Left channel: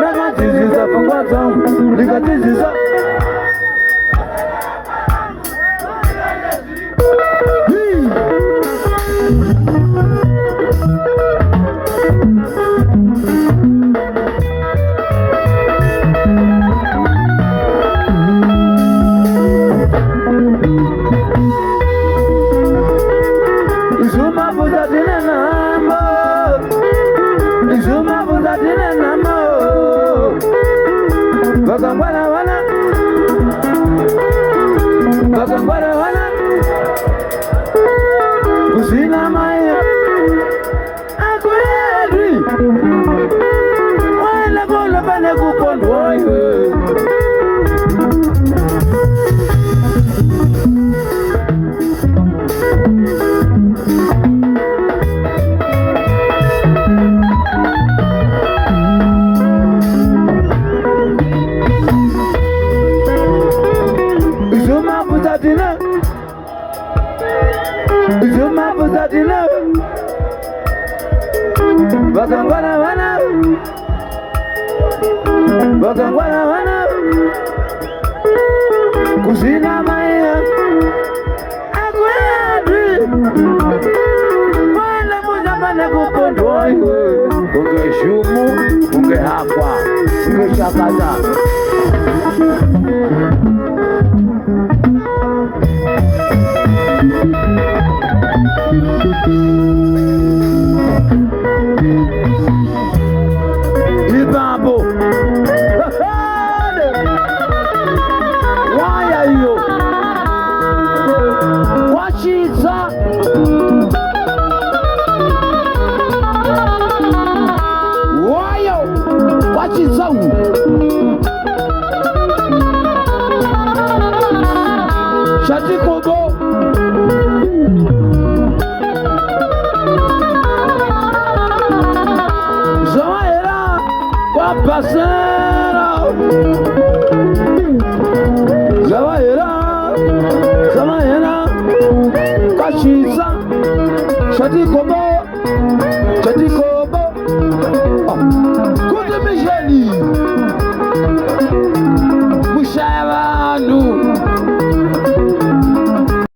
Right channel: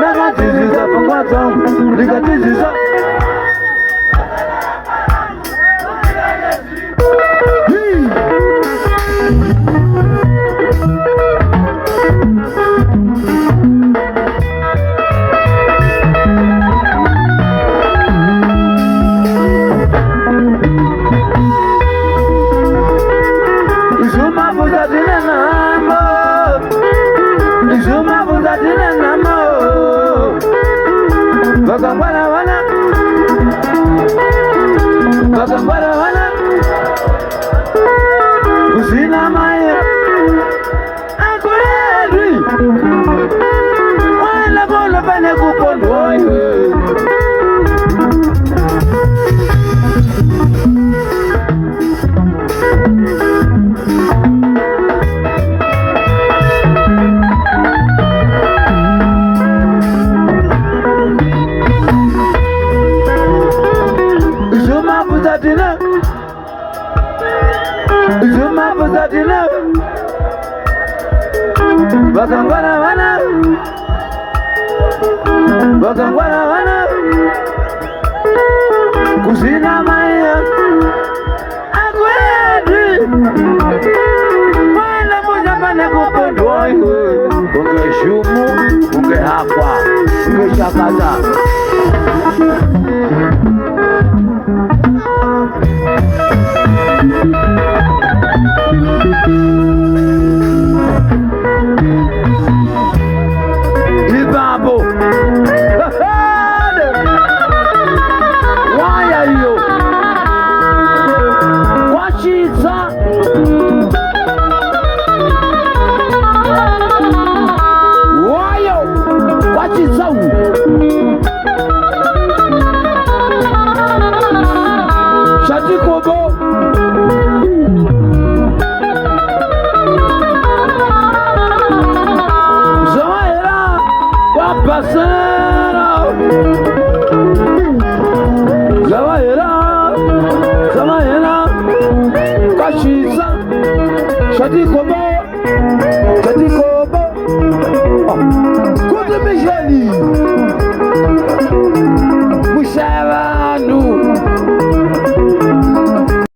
Nagatiziza fungwa zangu nikatiziza Bakangwana kusina maya akweli wala bola bane kupondwa Bakangwana wana kusina maya akweli wala moja bane kupondwa unge shumu unge hapa unge shakaza Ibabo waya hiyo wachiza wayo wachiza Shatikobo Zawahera Wapasera Zawahera Kashiza Shatikobo